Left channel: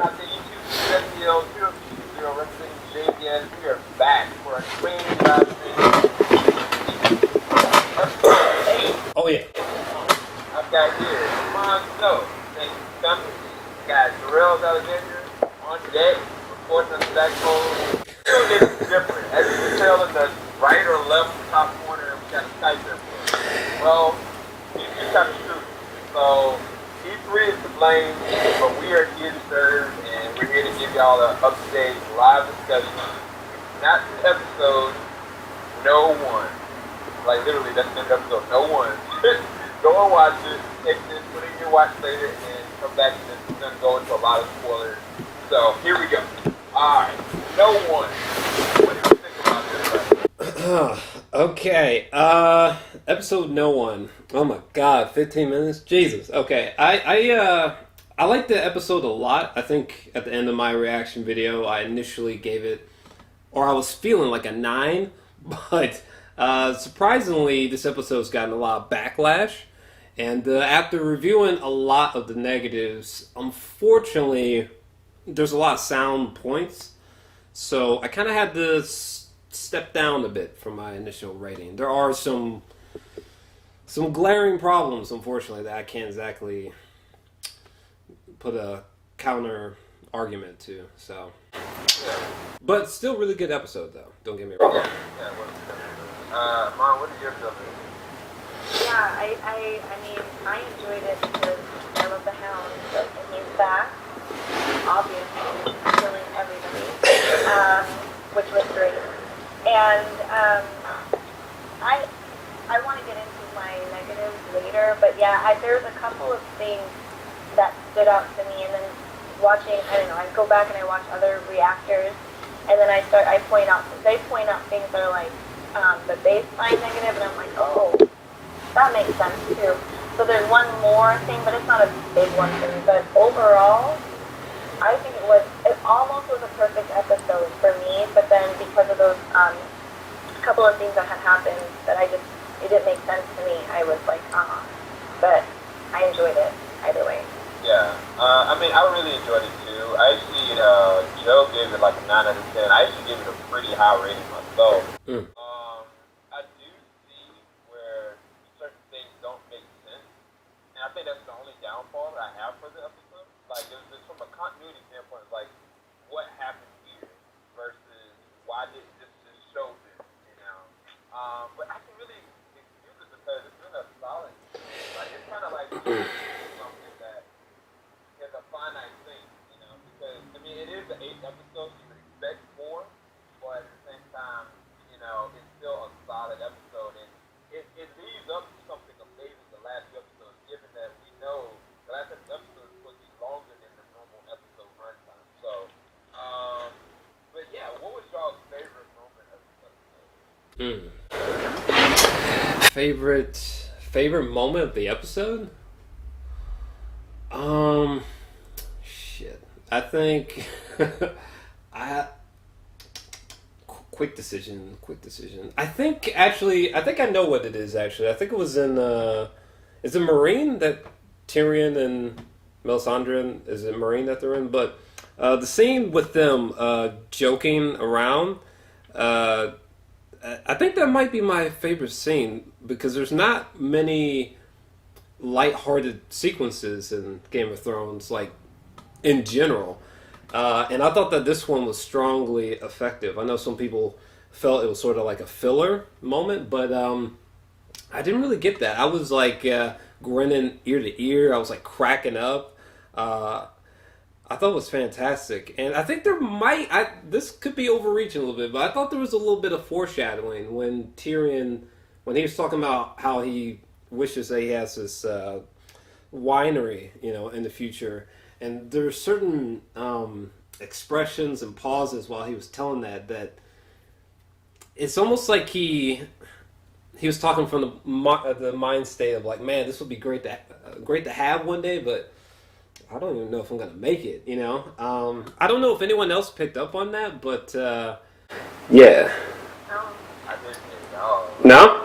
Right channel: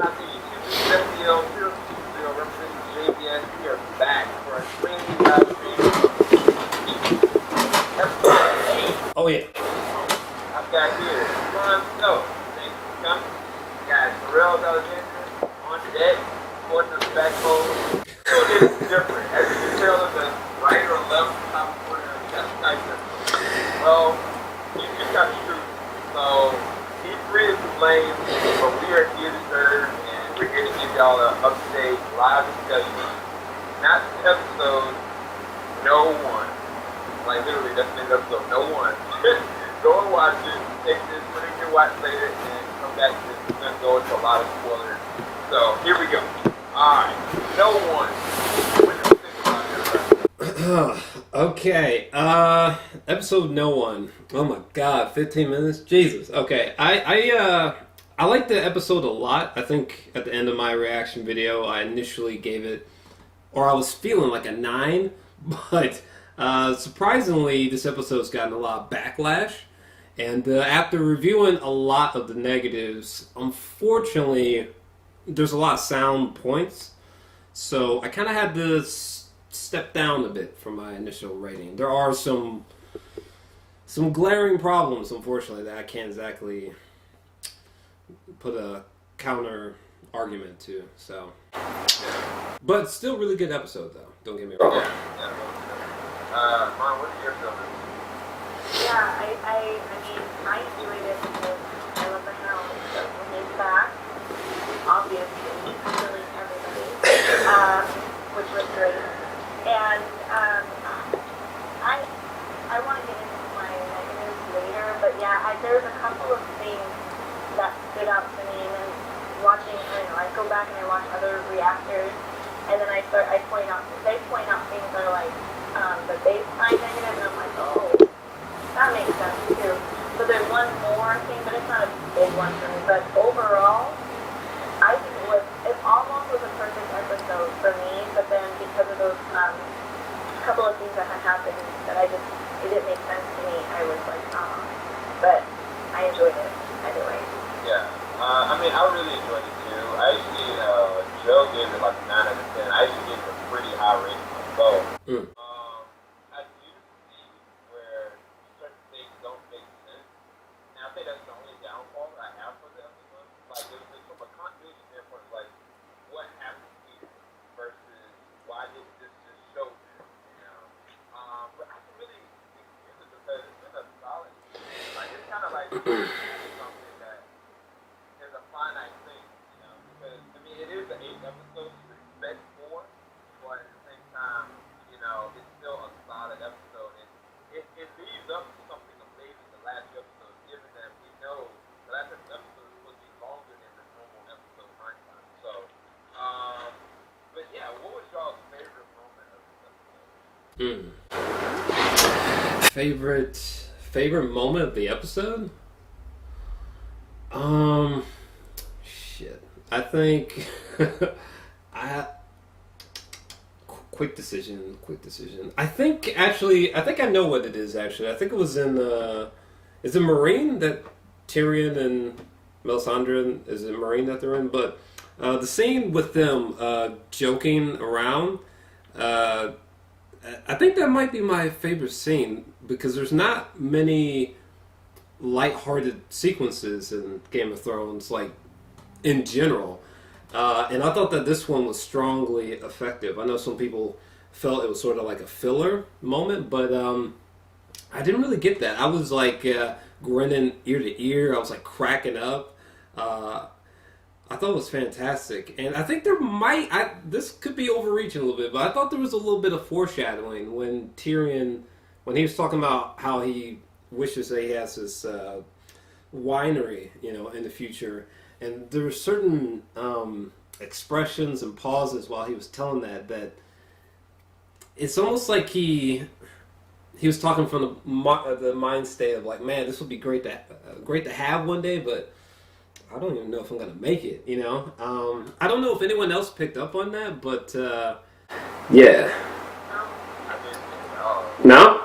I think you know, representing JBS, we are back for a training live stream. Oh, yeah. I've got here, Simon Snow, thank you for coming. Got JOR-ELS on deck, reporting on the back pole. It's different. As you can tell in the right or left top corner, we got the Tyson. Well, you got me stupid. So, E3 is to blame, but we are here to serve, and we're here to give y'all an up-to-date live discussion. Not this episode, no one. Like, literally, that's the name of the episode, no one. Go and watch it, take this, put it in your watch later, and come back to this. We're going to go into a lot of spoilers. So, here we go. Alright, no one. What do you think about this? Okay, episode no one. Oh my god, 15 minutes? Jesus. Okay, I like the episode a lot. I think at the end of my reaction video, I initially gave it, or I was feeling like a 9, but surprisingly, this episode's gotten a lot of backlash. And after reviewing a lot of the negatives, unfortunately, there's a lot of sound points. So I kind of had to step down a bit from my initial rating. There are some glaring problems, unfortunately, that I can't exactly put a counter argument to. So, but still, really good episode, though. Don't get me wrong. Mom, what is your feeling? Yeah, I mean, I enjoyed it because I love the Hound, and he's back, obviously, killing everybody, which was great. And I want to get into my negatives later, but yeah, there's a couple of things that stood out to me, and then watching, I don't know, I go back and I watch other reactors, and then they point out things that are like the baseline negative, and I'm like, oh, that makes sense too. So there's one more thing, but it's not a big one for me. But overall, I think it almost was a perfect episode for me. But then because of those couple of things that had happened that it didn't make sense to me, I was like, But I enjoyed it either way. Yeah, I mean, I really enjoyed it too. I actually, Joe gave it like a 9 out of 10. I actually gave it a pretty high rating myself. I do see where certain things don't make sense, and I think that's the only downfall that I have for the episode. Like, there's from a continuity standpoint, like, what happened here versus why did this just show this, you know? But I can really excuse it because it's been a solid, like, it's kind of like something that is a finite thing, you know, because, I mean, it is the 8th episode, you would expect more, but at the same time, you know, it's still a solid episode, and it leads up to something amazing the last episode, given that we know the last episode is supposed to be longer than the normal episode runtime. So, but yeah, what was y'all's favorite moment of this episode? Favorite moment of the episode? Shit. I think quick decision. I think I know what it is actually. I think it was in is it Marine that Tyrion and Melisandre, is it Marine that they're in? But the scene with them joking around, I think that might be my favorite scene because there's not many lighthearted sequences in Game of Thrones, like in general. And I thought that this one was strongly effective. I know some people felt it was sort of like a filler moment, but I didn't really get that. I was like grinning ear to ear. I was like cracking up. I thought it was fantastic. And I think this could be overreaching a little bit, but I thought there was a little bit of foreshadowing when Tyrion, when he was talking about how he wishes that he has this winery, you know, in the future. And there were certain expressions and pauses while he was telling that it's almost like he was talking from the mind state of like, man, this would be great to have one day, but I don't even know if I'm gonna make it. You know, I don't know if anyone else picked up on that, but yeah. I didn't think, No.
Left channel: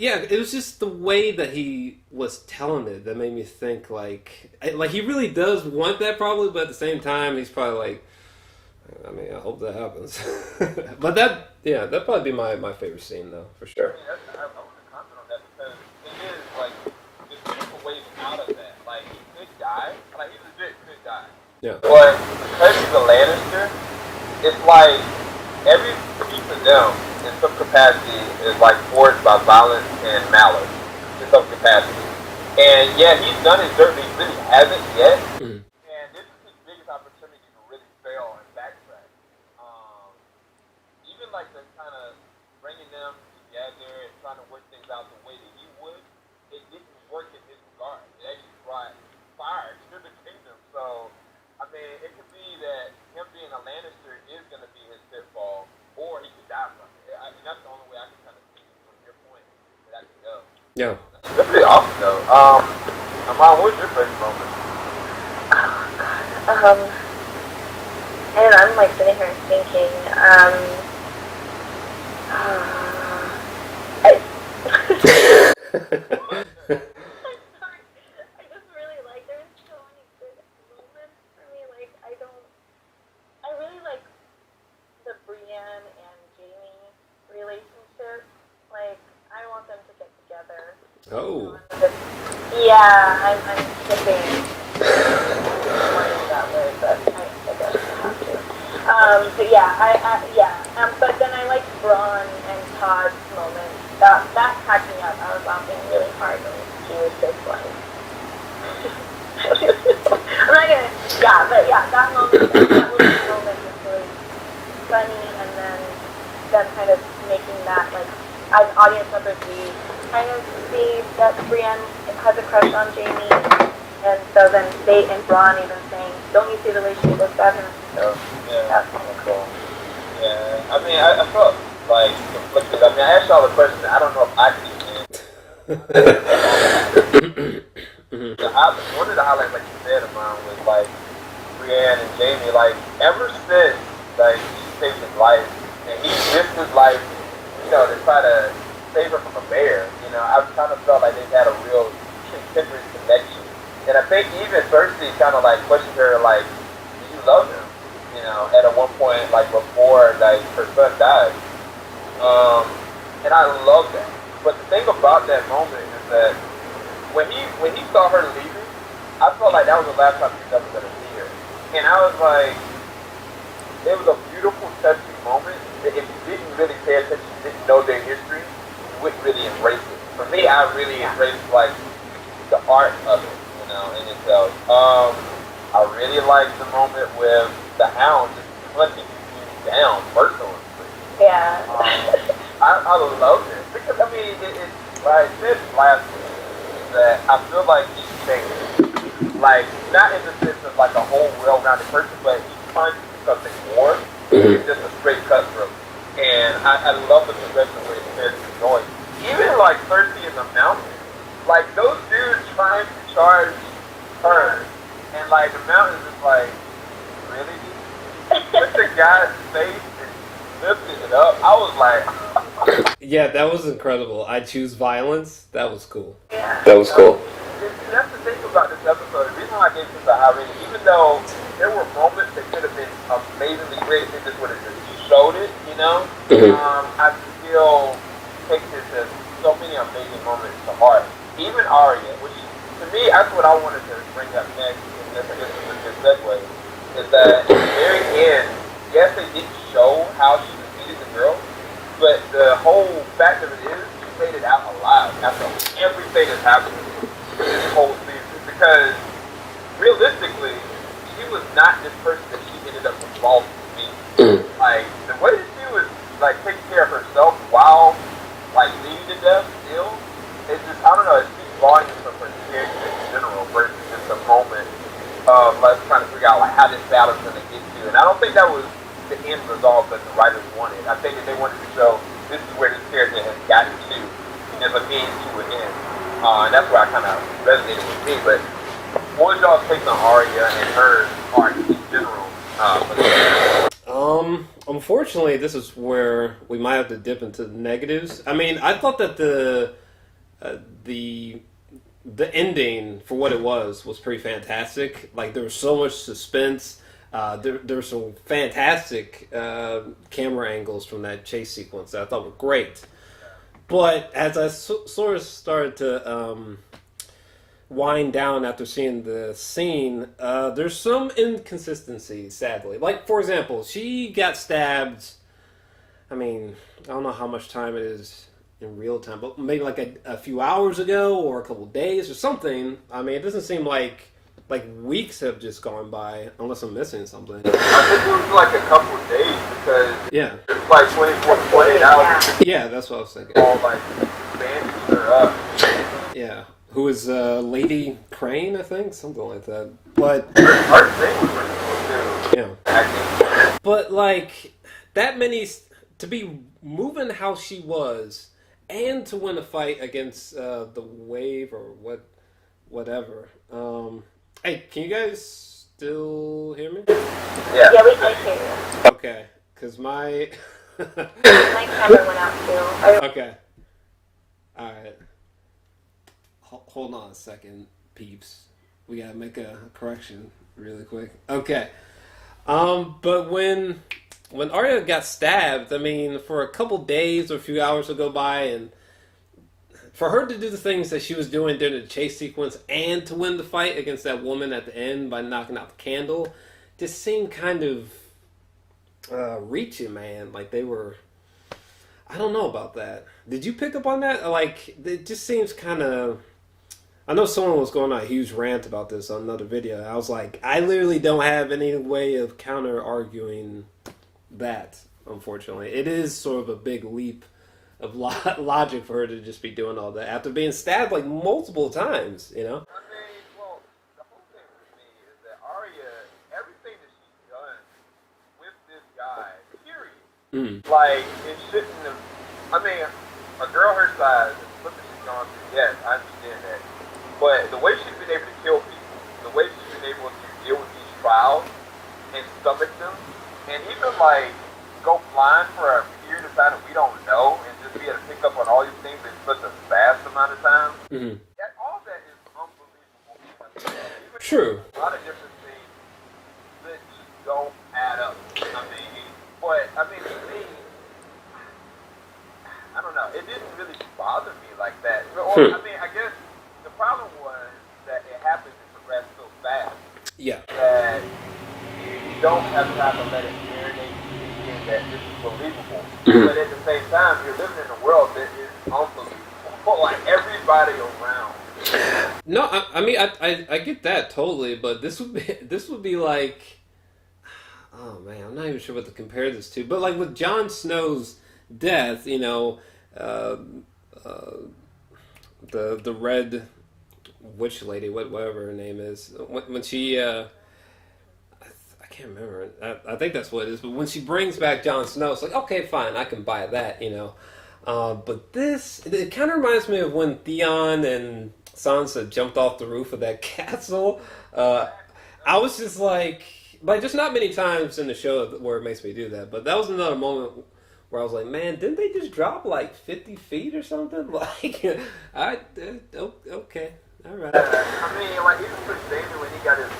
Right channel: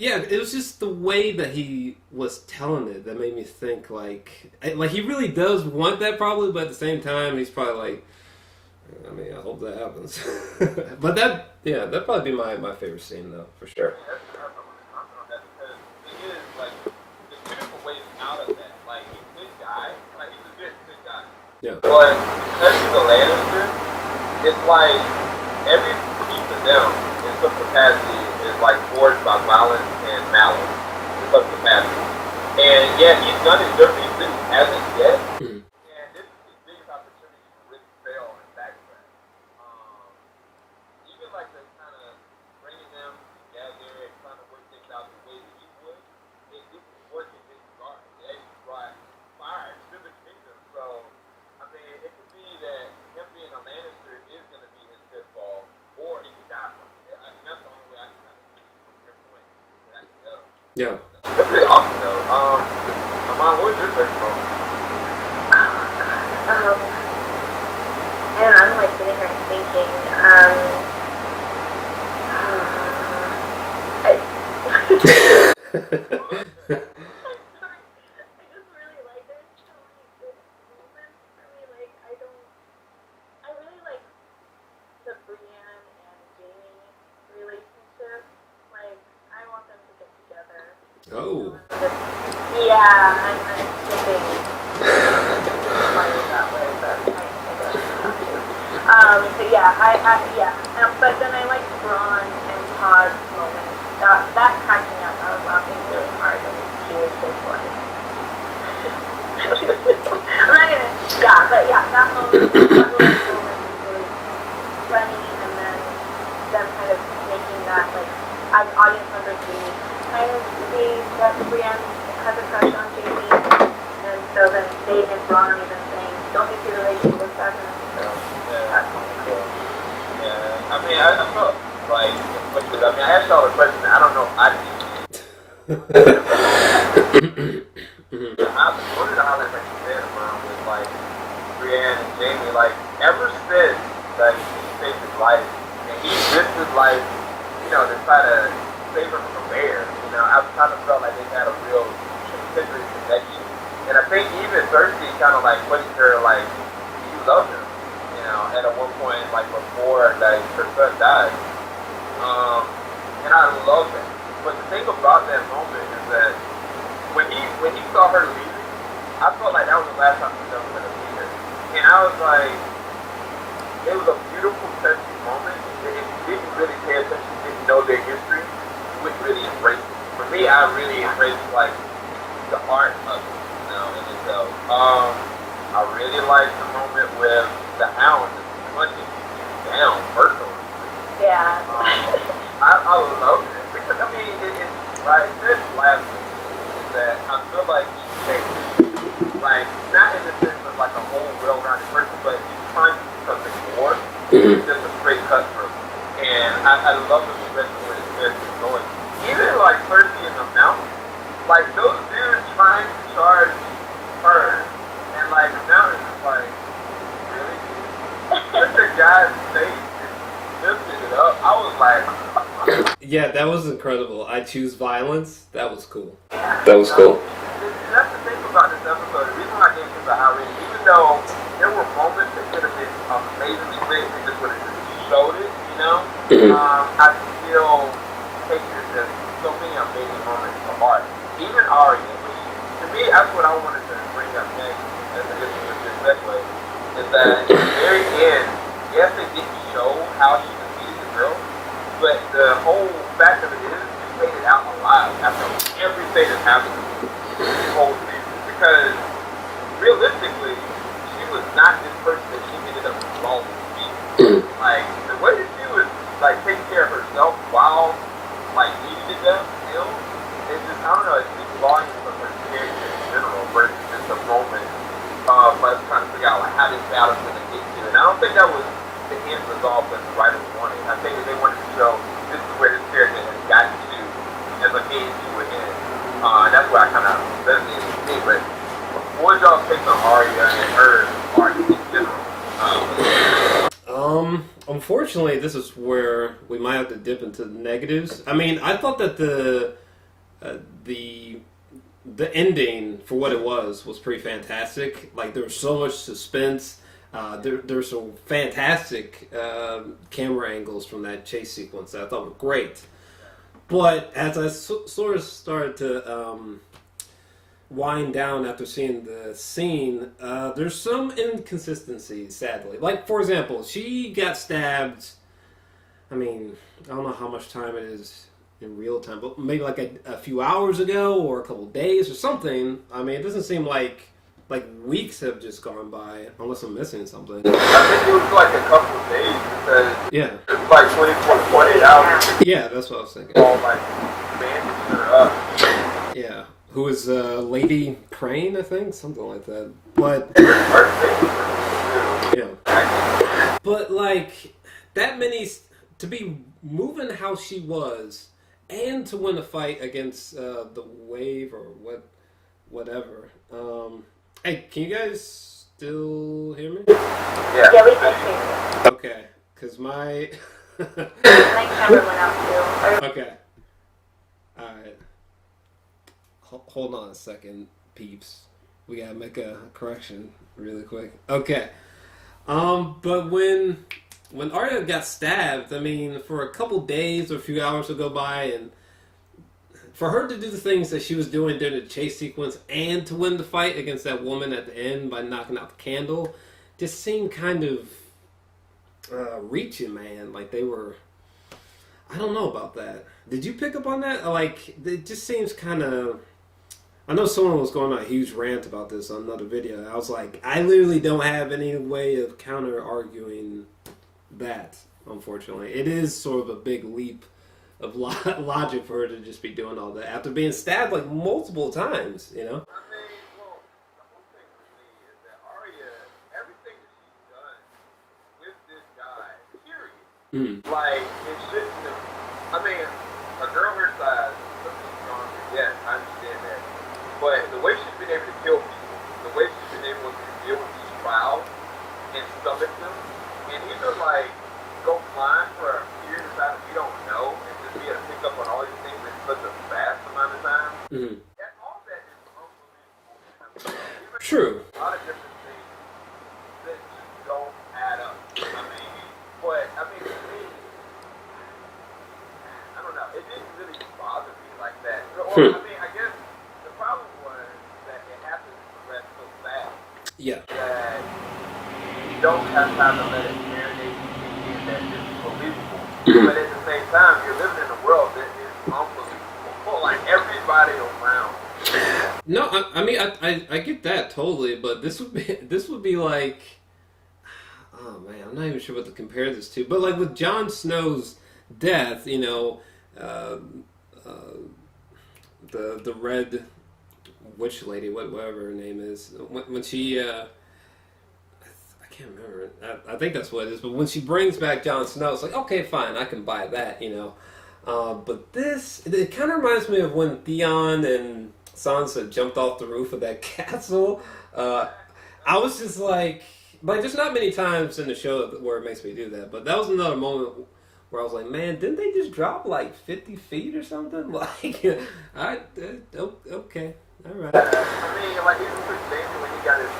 Yeah, it was just the way that he was telling it that made me think like he really does want that probably, but at the same time he's probably like, I mean, I hope that happens. But that'd probably be my favorite scene though, for sure. I mean, I'm gonna comment on that because it is like there's different ways out of that. Like he could die, like he legit could die. Yeah. But because he's a Lannister, it's like every piece of them in some capacity is like forged by violence and malice in some capacity. And yeah, he's done his dirt, but he hasn't yet. Mm-hmm. And this is his biggest opportunity to really fail and backtrack. Even like the kind of bringing them together and trying to work things out the way that he would, it didn't work in this regard. It actually brought fire to the kingdom. So, I mean, it could be that him being a Lannister is going to be his pitfall, or he could die from it. I mean, that's the only way I can kind of see from your point that I can go. Yeah. That's pretty awesome, though. Mom, what's your favorite moment? I don't know, I'm like sitting here thinking, I just really like, there's so many good moments for me, like, I really like the Brienne and Jamie relationship, like, I want them to get together. Oh. Yeah, I'm shipping. That way, but I guess not to. But yeah, but then I like Braun and Todd's moment. That cracked me up. I was laughing really hard when she was this one. I'm not gonna. Yeah, but yeah, that moment, that little moment was really funny, and then them kind of making that like as audience members we kind of see that Brienne has a crush on Jamie, and so then they and Braun even saying, "Don't you see the way she looks at him?" So Yeah. that's kind of cool. Yeah, I mean, I felt like conflicted. I mean, I asked y'all the question. I don't know if I can answer. One of the highlights, like you said, mine was like Brienne and Jamie. Like ever since like he saved his life and he risked his life, to try to save her from a bear. I've kind of felt like they've had a real kindred connection. And I think even Cersei kind of like questioned her, like, do you love him? At one point, like before, like her son died. And I love that. But the thing about that moment is that when he saw her leaving, I felt like that was the last time he was ever going to see her. And I was like, it was a beautiful, touching moment. If you didn't really pay attention, didn't know their history, you wouldn't really embrace it. For me, I really embraced like the art of it, in itself. I really liked the moment with the Hound just hunting you down personally. Yeah. I love it because I mean it's like this last week that I feel like he's changed. Like not in the sense of like a whole well-rounded person, but he's trying to do something more. He's just a straight cutthroat. And I love the progression where his character is going. Even like Cersei in the mountain, like those dudes trying to charge her, and like the mountain is just like, really, dude? Just the guy's face and lifted it up. I was like, Yeah, that was incredible. I choose violence. That was cool. yeah. That was cool. And that's the thing about this episode. The reason why I gave it the high rating, even though there were moments that could have been amazingly great, they just would have just showed it, I still take this as so many amazing moments to heart. Even Arya, which to me, that's what I wanted to bring up next, and this is a good segue, is that at the very end, yes, they didn't show how she defeated the girl, but the whole fact of it is, she made it out alive after everything that's happened this whole season. Because realistically, she was not this person that she ended up involved with. Like, the way that she was, like, taking care of herself while, like, leading to death still, it's just, I don't know, it speaks volumes of her character in general versus just a moment of let's trying to figure out, like, how this battle's going to get to. And I don't think that was the end result that the writers wanted. I think that they wanted to show this is where this character has gotten to as a means to an end. And that's where I kind of resonated with me. But what was y'all take on Arya and her art in general? Unfortunately, this is where we might have to dip into the negatives. I mean, I thought that the the ending for what it was pretty fantastic. Like there was so much suspense. There were some fantastic camera angles from that chase sequence that I thought were great. But as I sort of started to wind down after seeing the scene, there's some inconsistencies, sadly. Like, for example, she got stabbed. I mean, I don't know how much time it is in real time, but maybe like a few hours ago or a couple days or something. I mean, it doesn't seem like weeks have just gone by, unless I'm missing something. I think it was like a couple of days because yeah, it's like 24 to 48 hours. Yeah, that's what I was thinking. All like bandaged her up. Yeah, who is Lady Crane, I think, something like that. But her face was pretty cool too. Yeah, but like that many to be moving how she was, and to win a fight against the Wave or whatever. Hey, can you guys still hear me? Yeah. Yeah, we can hear you. Okay, because my My camera went out too. Okay. Alright. Hold on a second, peeps. We gotta make a correction really quick. Okay. But when Arya got stabbed, I mean, for a couple days or a few hours would go by, and for her to do the things that she was doing during the chase sequence and to win the fight against that woman at the end by knocking out the candle, just seemed kind of reaching, man. Like they were... I don't know about that. Did you pick up on that? Like, it just seems kind of... I know someone was going on a huge rant about this on another video. I was like, I literally don't have any way of counter-arguing that, unfortunately. It is sort of a big leap of logic for her to just be doing all that after being stabbed like multiple times, you know? I mean, well, the whole thing for me is that Arya, everything that she's done with this guy, period, like, it shouldn't have, I mean, a girl her size, look what she's gone through, yes, I understand that. But the way she's been able to kill people, the way she's been able to deal with these trials and stomach them, and even, like, go flying for a period of time that we don't know, and just be able to pick up on all these things in such a fast amount of time. All that is unbelievable. True. A lot of different things that just don't add up. I mean, but to me, I don't know. It didn't really bother me like that. Or, I mean, I guess the problem was that it happened to progress so fast. Yeah. That you don't have time to let it marinate. That is believable, but at the same time, you're living in a world that is unbelievable. Like everybody around. No, I mean I get that totally, but this would be like, oh man, I'm not even sure what to compare this to. But like with Jon Snow's death, you know, the Red Witch Lady, whatever her name is, when she. I can't remember. I think that's what it is. But when she brings back Jon Snow, it's like, okay, fine, I can buy that, you know. But this, it kind of reminds me of when Theon and Sansa jumped off the roof of that castle. I was just like there's not many times in the show where it makes me do that. But that was another moment where I was like, man, didn't they just drop like 50 feet or something? Like, okay, all right. I mean, like, even with Daniel when he got his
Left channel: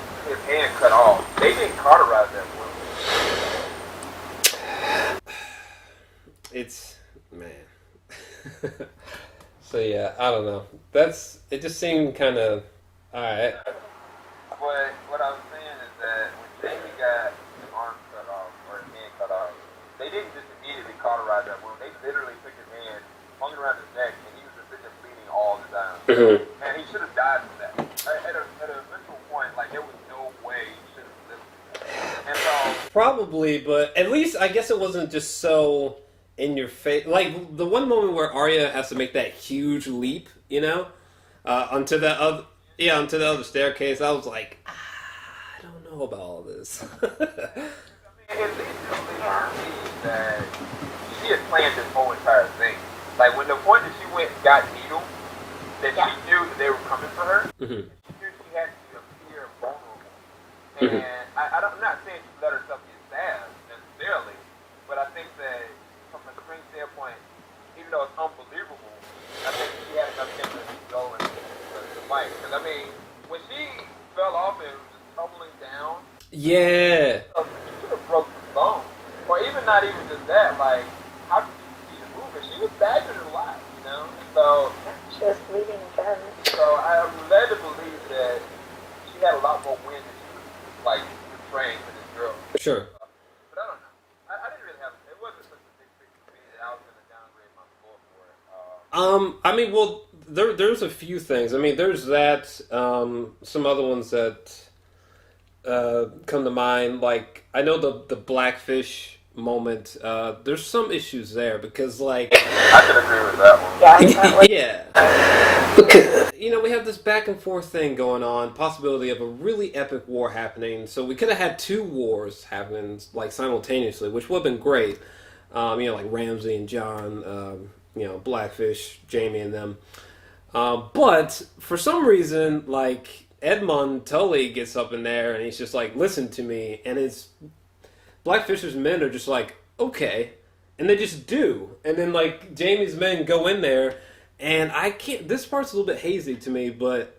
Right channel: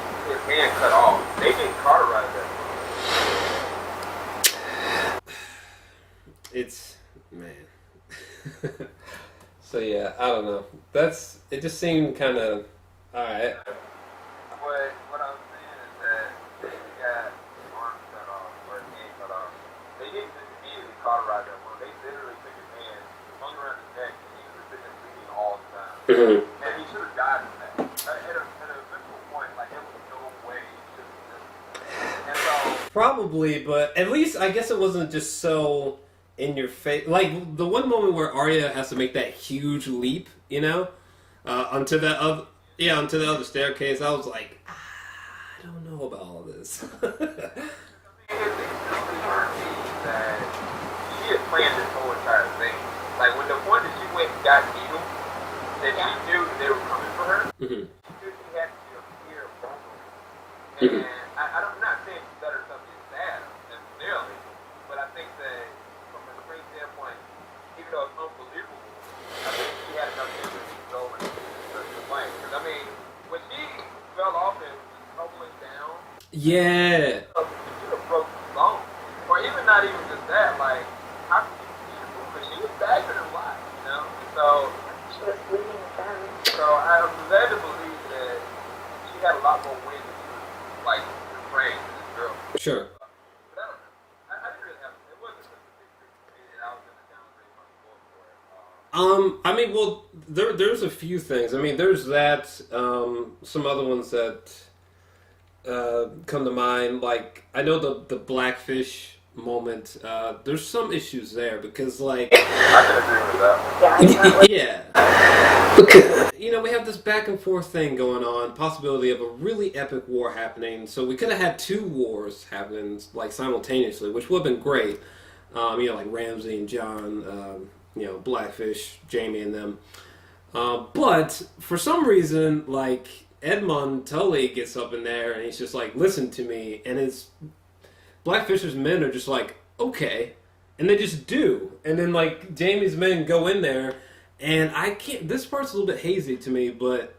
hand cut off, they didn't cauterize that. It's, man. So yeah, I don't know. It just seemed kind of, alright. But what I was saying is that when Jamie got his arm cut off, or his hand cut off, they didn't just immediately cauterize that wound. They literally took his hand, hung it around his neck, and he was just bleeding all the time. And he should have died from that. At a visceral point, like, there was no way he should have lived. And so... Probably, but at least I guess it wasn't just so in your face. Like, the one moment where Arya has to make that huge leap, you know, onto the other staircase, I was like, I don't know about all this. I mean, at least it seemed that she had planned this whole entire thing. Like, when the point that she went and got Needle, that she knew that they were coming for her, she knew she had to appear vulnerable. And I'm not saying she let herself get stabbed necessarily, but I think that from a strength standpoint, even though it's unbelievable, I think she had enough faith in down. Yeah. You could have broke the bone. Or even not even just that, like, how could you see the movement? She was badgering a lot, you know? And so, She was bleeding again. so I'm led to believe that she had a lot more wind than she was, like, portraying to this girl. Sure. But I don't know. I didn't really have, it wasn't such a big thing for me that I was going to downgrade my score for it. I mean, well, there's a few things. I mean, there's that, some other ones that come to mind. Like, I know the Blackfish moment, there's some issues there because, like... I can agree with that one. Yeah. Because, you know, we have this back and forth thing going on, possibility of a really epic war happening, so we could have had 2 wars happening, like, simultaneously, which would have been great. You know, like Ramsay and John, you know, Blackfish, Jamie and them. But, for some reason, like, Edmund Tully gets up in there and he's just like, listen to me, and his Blackfish's men are just like, okay, and they just do. And then, like, Jamie's men go in there, and I can't, this part's a little bit hazy to me, but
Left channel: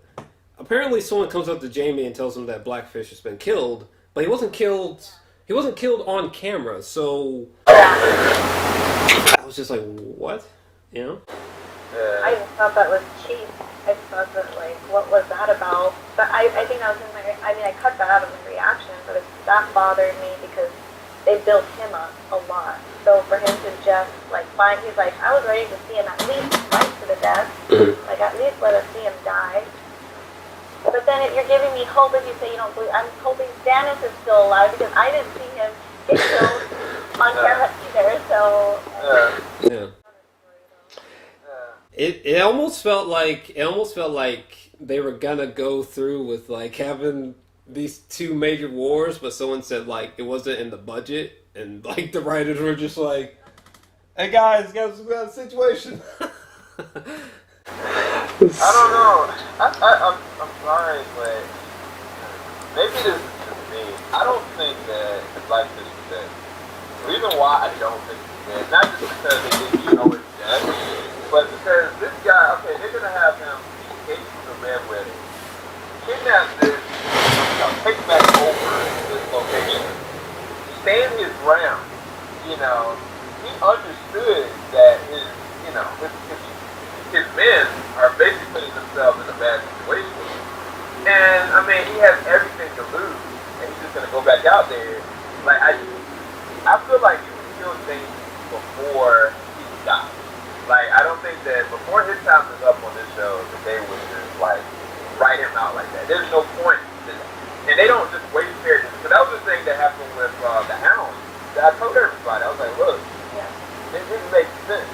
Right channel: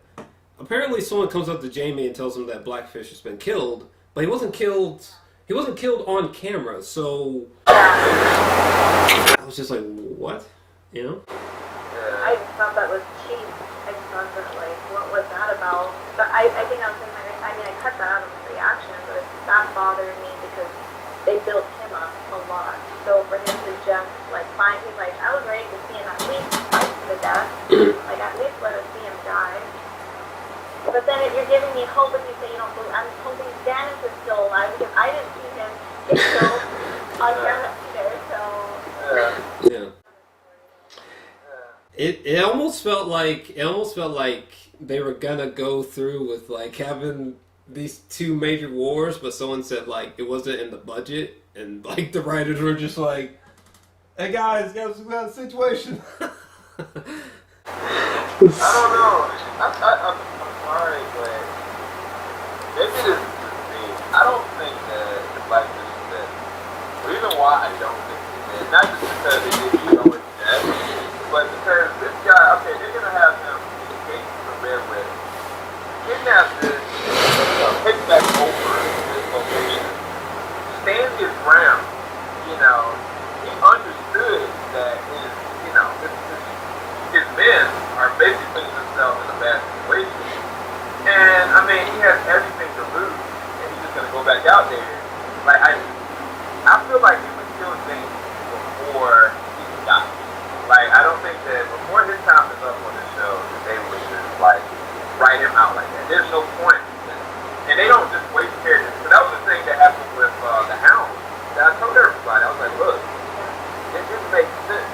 apparently someone comes up to Jamie and tells him that Blackfish has been killed, but he wasn't killed on camera, so I was just like, what? You know? I just thought that was cheap. I just thought that, like, what was that about? But I think I was in my, I mean, I cut that out of my reaction, but that bothered me because they built him up a lot. So for him to just, like, find, he's like, I was ready to see him at least fight to the death. Like, at least let us see him die. But then if you're giving me hope if you say you don't believe, I'm hoping Daenerys is still alive because I didn't see him get killed on camera either, so... Yeah. It almost felt like they were gonna go through with, like, having these 2 major wars, but someone said, like, it wasn't in the budget, and, like, the writers were just like, hey guys, we got a situation. I don't know. I'm sorry, but maybe this is just me. I don't think that the Blackfish is dead. The reason why I don't think he's dead, not just because they didn't show him dead, but because this guy, okay, they're going to have him escape from the Red Wedding, kidnap this, pick back over this location, stand his ground, you know. He understood that his men are basically putting themselves in a bad situation. And, I mean, he has everything to lose, and he's just going to go back out there. Like, I feel like he was still Jamie before he died. Like, I don't think that before his time is up on this show, that they would just, like, write him out like that. There's no point. And they don't just waste characters. Because that was the thing that happened with the Hound. I told everybody, I was like, look, it didn't make sense.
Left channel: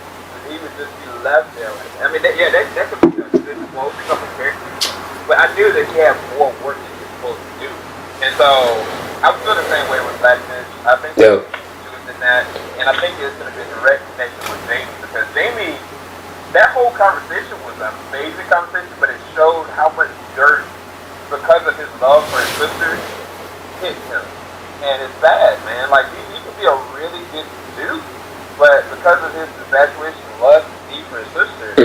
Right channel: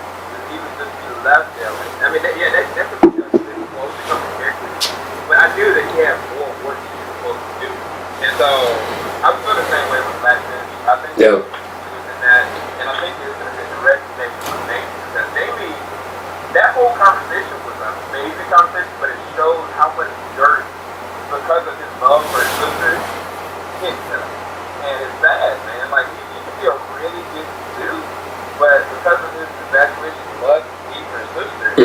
He would just be left there. I mean, that could be a good closing of the character. But I knew that he had more work that he was supposed to do. And so, I was feeling the same way with Blackfish. I think he was in that. And I think it's going to be a direct connection with Jamie. Because Jamie, that whole conversation was an amazing conversation, but it showed how much dirt, because of his love for his sister, hit him. And it's bad, man. Like, he could be a really good dude. But because of his infatuation, lust, need for his sister,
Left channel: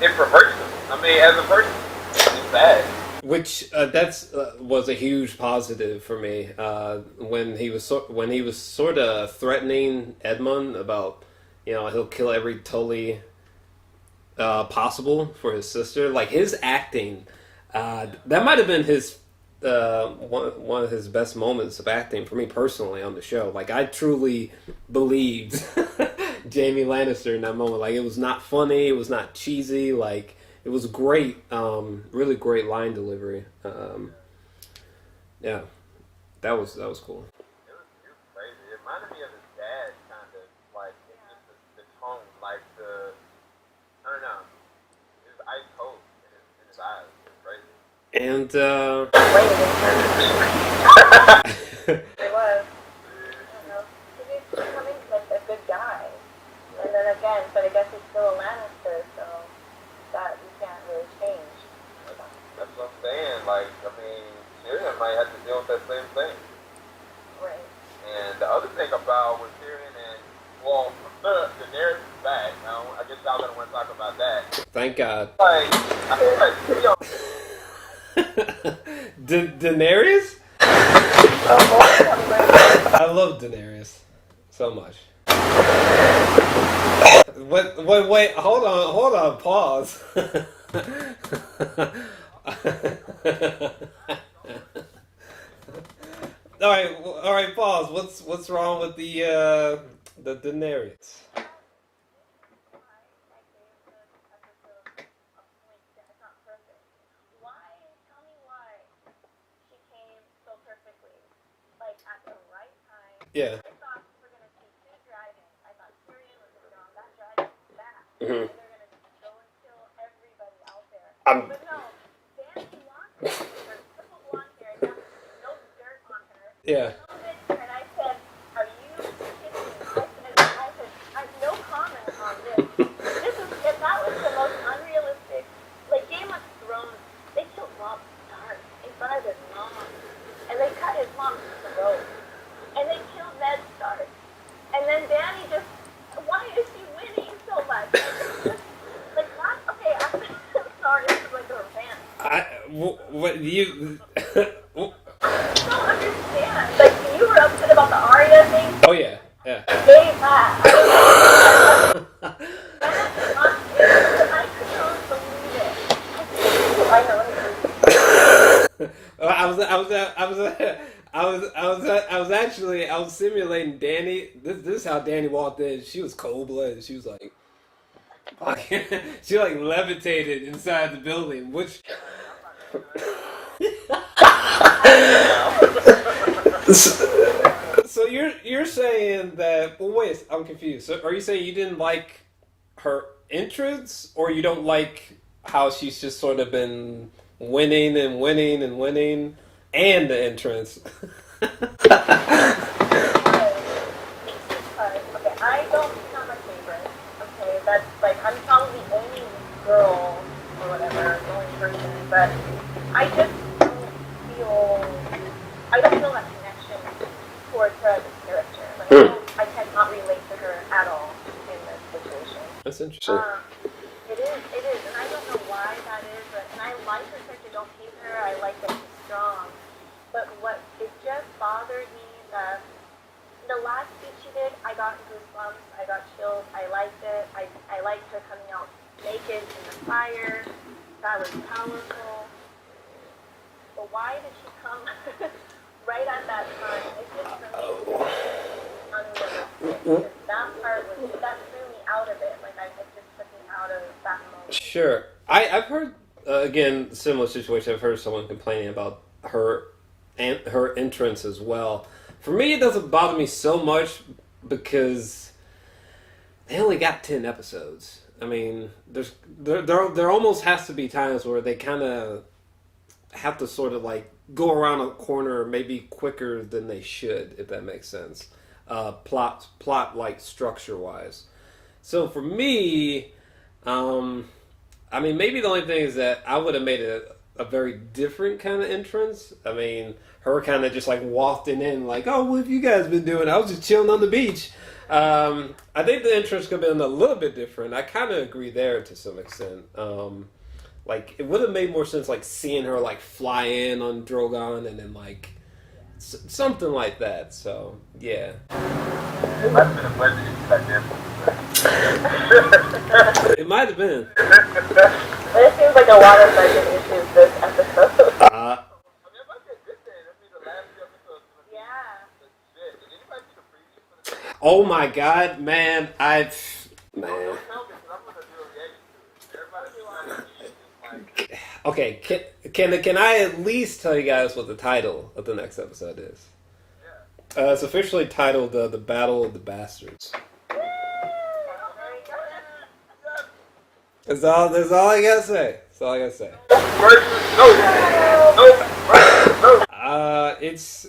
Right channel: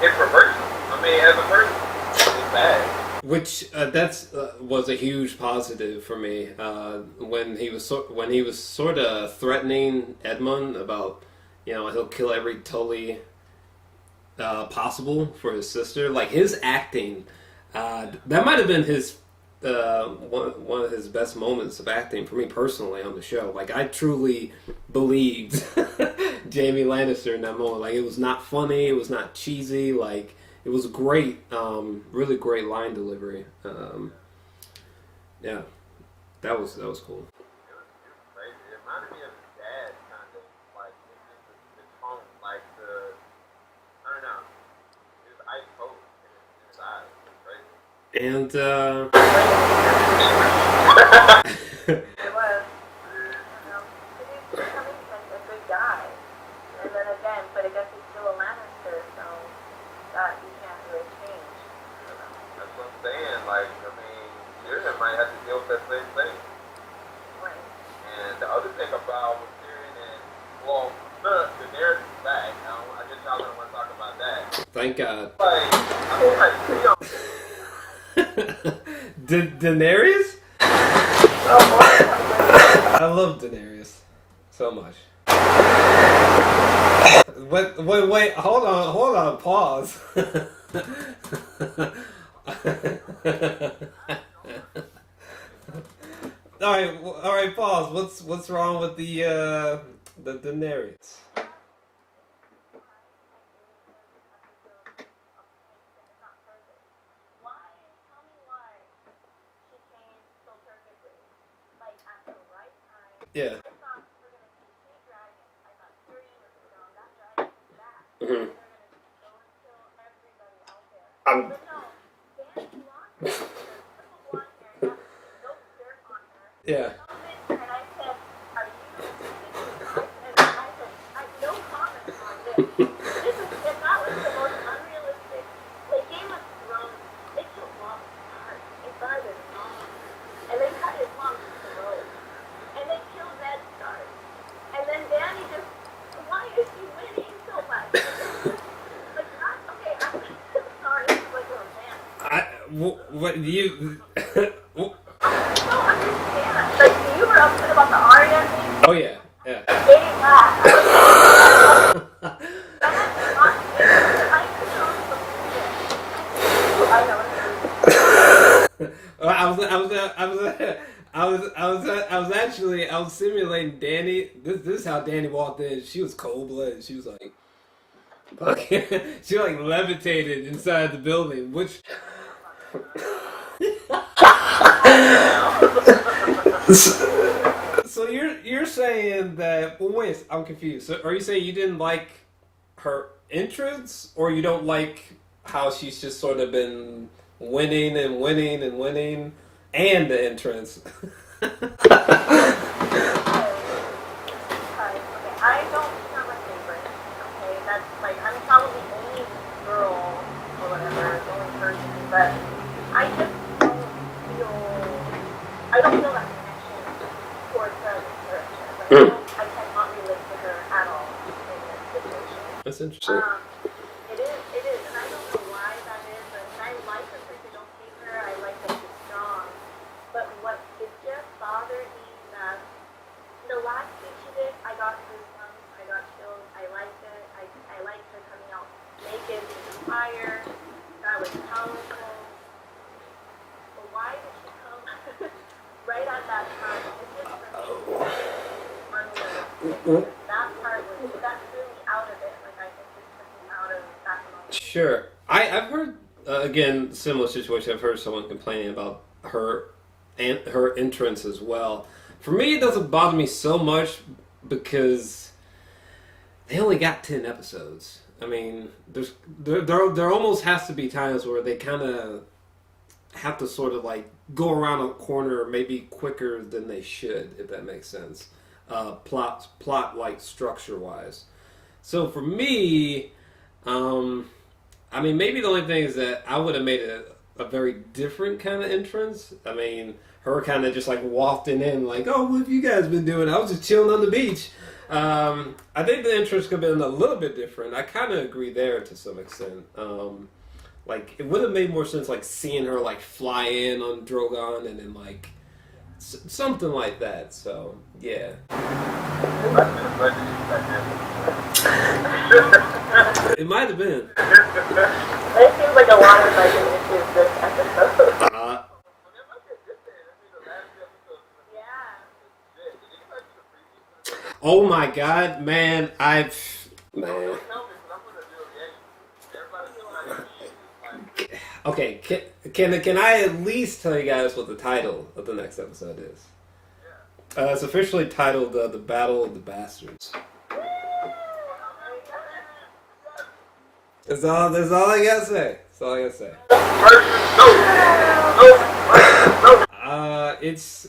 it perverts him. I mean, as a person, it's bad. Which was a huge positive for me when he was sort of threatening Edmund about, you know, he'll kill every Tully possible for his sister. Like, his acting, that might have been his one of his best moments of acting for me personally on the show. Like, I truly believed Jaime Lannister in that moment. Like, it was not funny, it was not cheesy, like, it was great, really great line delivery. Yeah, that was cool. It was crazy. It reminded me of his dad, kind of, like, just the tone, like, I don't know, it was ice cold in his eyes. It was crazy. And, It was. He's becoming such a good guy. And then again, but I guess he's still a Lannister, so that you can't really change. That's what I'm saying. Like, I mean, Tyrion might have to deal with that same thing. Right. And the other thing about with Tyrion and, well, Daenerys is back. Now, I guess y'all gonna want to talk about that. thank God. Like, I feel like Tyrion. Daenerys? love Daenerys so much. Wait, hold on, pause. All right, pause. What's wrong with the Daenerys? Yeah. I thought we were going to see two dragons. I thought Tyrion was going to go on that dragon back. Mm-hmm. They're going to go and kill everybody out there. But no, Danny lost her. Triple blonde hair, no dirt on her. Yeah. And I said, are you kidding me? I said, no comment on this. That was the most unrealistic. Like Game of Thrones, they killed Robb Stark in front of his mom. And they cut his mom's throat. And they killed Ned Stark. And then Dany just, why is she winning so much? Like, not, okay, I'm sorry, this is like a revenge. What you... I don't understand. Like, you were upset about the Arya thing? Oh, yeah. They that. I was actually simulating Dany. This is how Dany walked in. She was cold blooded. She was like, she like levitated inside the building, which. So you're saying that? Well, wait, I'm confused. So are you saying you didn't like her entrance, or you don't like how she's just sort of been winning and winning and winning, and the entrance? Okay, I don't have a favorite. Okay, that's like I'm probably the only girl or whatever, the only person, but I just don't feel that connection towards her as a character. Like I cannot relate to her at all in this situation. That's interesting. It is, and I don't know why that is. And I like the fact I don't hate her. I like that she's strong. But it just bothered me that the last thing she did, I got goosebumps, I got chills, I liked it. I liked her coming out naked in the fire. That was powerful. But why did she come right at that time? It just unrealistic. That part that threw me out of it. Like it just took me out of that moment. Sure. I've heard, again, similar situation. I've heard someone complaining about her entrance as well. For me, it doesn't bother me so much because they only got 10 episodes. I mean, there almost has to be times where they kind of have to sort of like go around a corner maybe quicker than they should, if that makes sense. Plot like structure wise. So for me, I mean, maybe the only thing is that I would have made a very different kind of entrance. I mean, her kind of just like wafting in like, oh, what have you guys been doing? I was just chilling on the beach. I think the entrance could have been a little bit different. I kind of agree there to some extent. Like, it would have made more sense like seeing her like fly in on Drogon and then like something like that. So, yeah. It might have been a budget issue back then. It might have been. It seems like a lot of budget issues this episode. Oh my god, man, man. Okay, can I at least tell you guys what the title of the next episode is? It's officially titled The Battle of the Bastards. That's all I gotta say. That's all I gotta say. It's,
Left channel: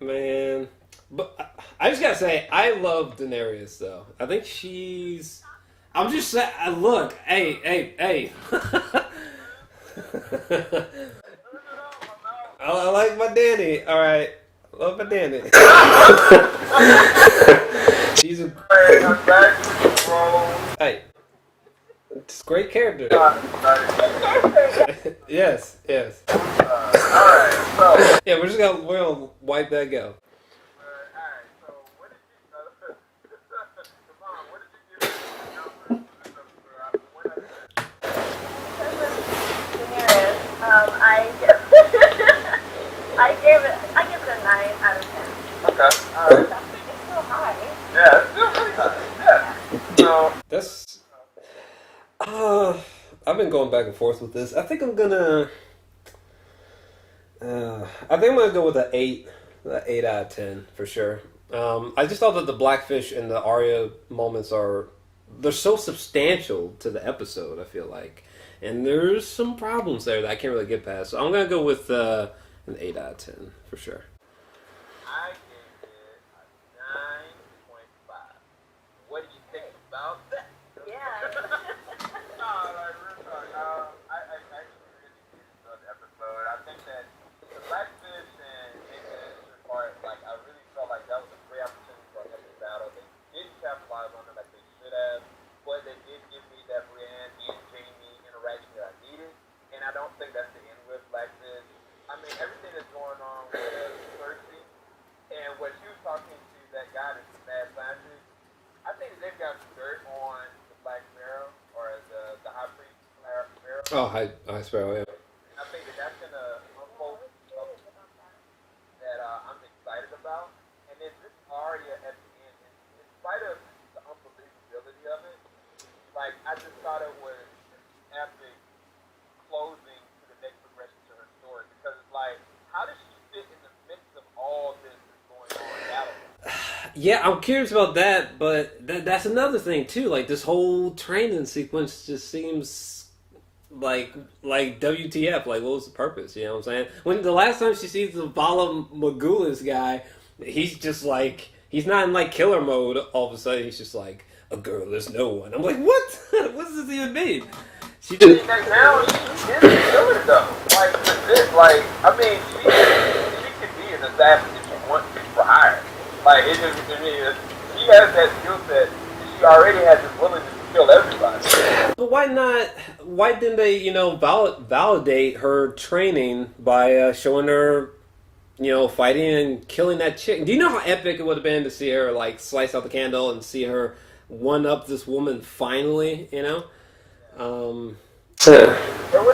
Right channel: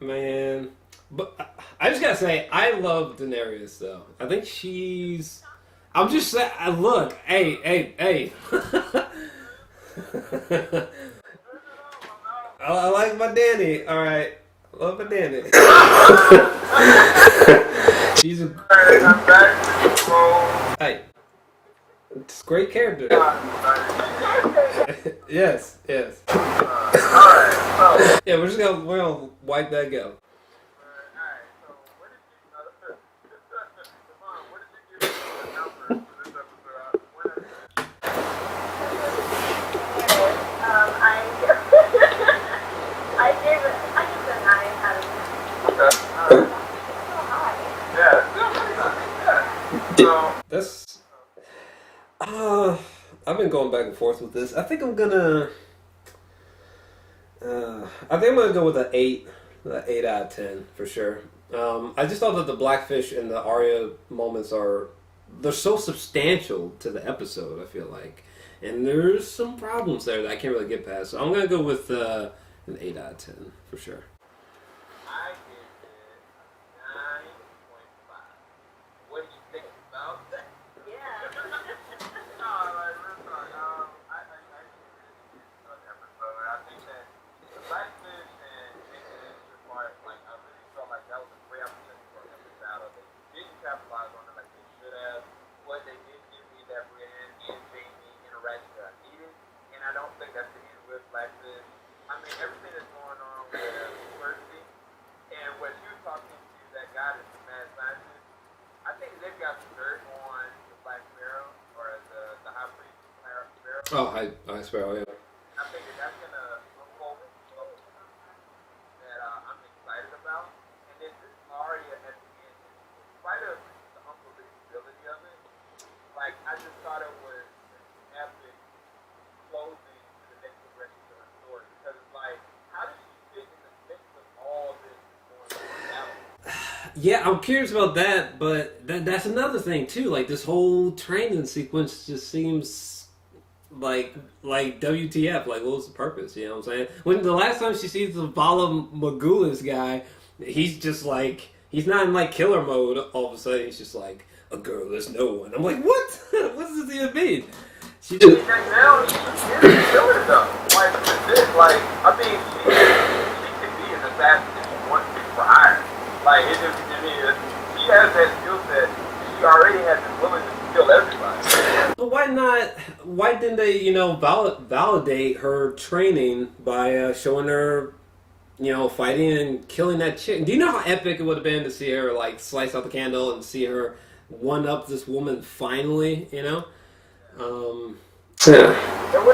man, but I just gotta say, I love Daenerys though. I think she's, I'm just saying, look, hey. I like my Dany, alright. Love my Dany. She's a, hey. It's a great character. Yes. Yeah, we're gonna wipe that go. give it a 9 out of 10. Okay. It's still high. Yeah, it's still pretty nice. Yeah. So, That's I've been going back and forth with this. I think I'm gonna go with an 8 out of 10 for sure. I just thought that the Blackfish and the Arya moments they're so substantial to the episode, I feel like. And there's some problems there that I can't really get past. So I'm going to go with an 8 out of 10 for sure. I give it a 9.5. What do you think about that? Yeah. No, like, really sorry. I actually really enjoyed the episode. I think that the Blackfish and the part, like, I really felt like that was a great opportunity for an epic battle. They didn't capitalize on it like they should have, but they did give me that Brienne and Jamie interaction that I needed, and I don't think that's the end with Blackfish. I mean, everything that's going on with Cersei, and what she was talking to that guy that's the mad scientist, I think that they've got some dirt on the Black Sparrow, or the High Priest Sparrow. Oh, High Sparrow, yeah. I think that that's going to unfold something that I'm excited about. And then this Arya at the end, in spite of the unbelievability of it, like, I just thought it was an epic closing to the next progression to her story. Because it's like, how does she fit in the midst of all this that's going on in battle? Yeah, I'm curious about that, but that's another thing too. Like, this whole training sequence just seems like WTF. Like, what was the purpose? You know what I'm saying? When the last time she sees the Vala Morghulis guy, he's just like, he's not in like killer mode. All of a sudden, he's just like, a girl is no one. I'm like, what? What does this even mean? She just Now she is killing though. Like, like, I mean, she could be an assassin if she wants to be for hire. Like, she has that skill set. She already has this willingness to kill everybody. But why not? Why didn't they, validate her training by showing her, fighting and killing that chick? Do you know how epic it would have been to see her like slice out the candle and see her one up this woman finally? It would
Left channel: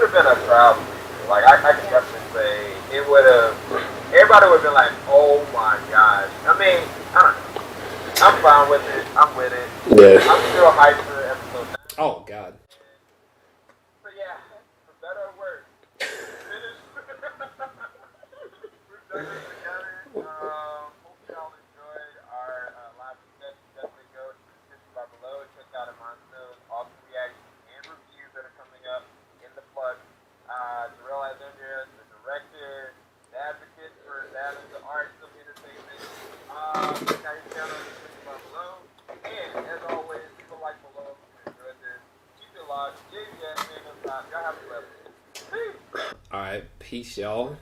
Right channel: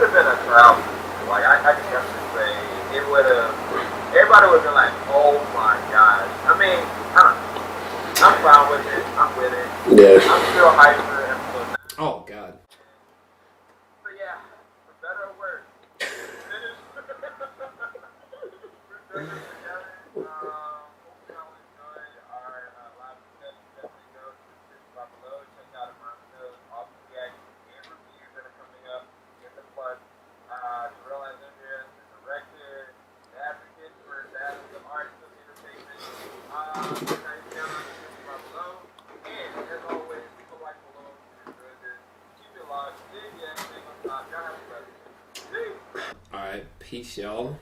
have been a crowd. Like, I can definitely say it would have. Everybody would have been like, "Oh my gosh!" I mean, I don't know. I'm fine with it. I'm with it. Yeah. I'm still hyped for episode 9. Oh God. So yeah, for better or worse, finished. We've done this together. Hope y'all enjoyed our live discussion. Definitely go to the description bar below. Check out Amonzo's awesome reactions and reviews that are coming up in the plug. JOR-ELS Imon, the director, the advocate for that, the arts of entertainment. Check out his channel in the description bar below. And as always, leave a like below if you enjoyed this. Keep it locked. JBS, hang on top. Y'all have a good one. Peace. All right, peace, y'all.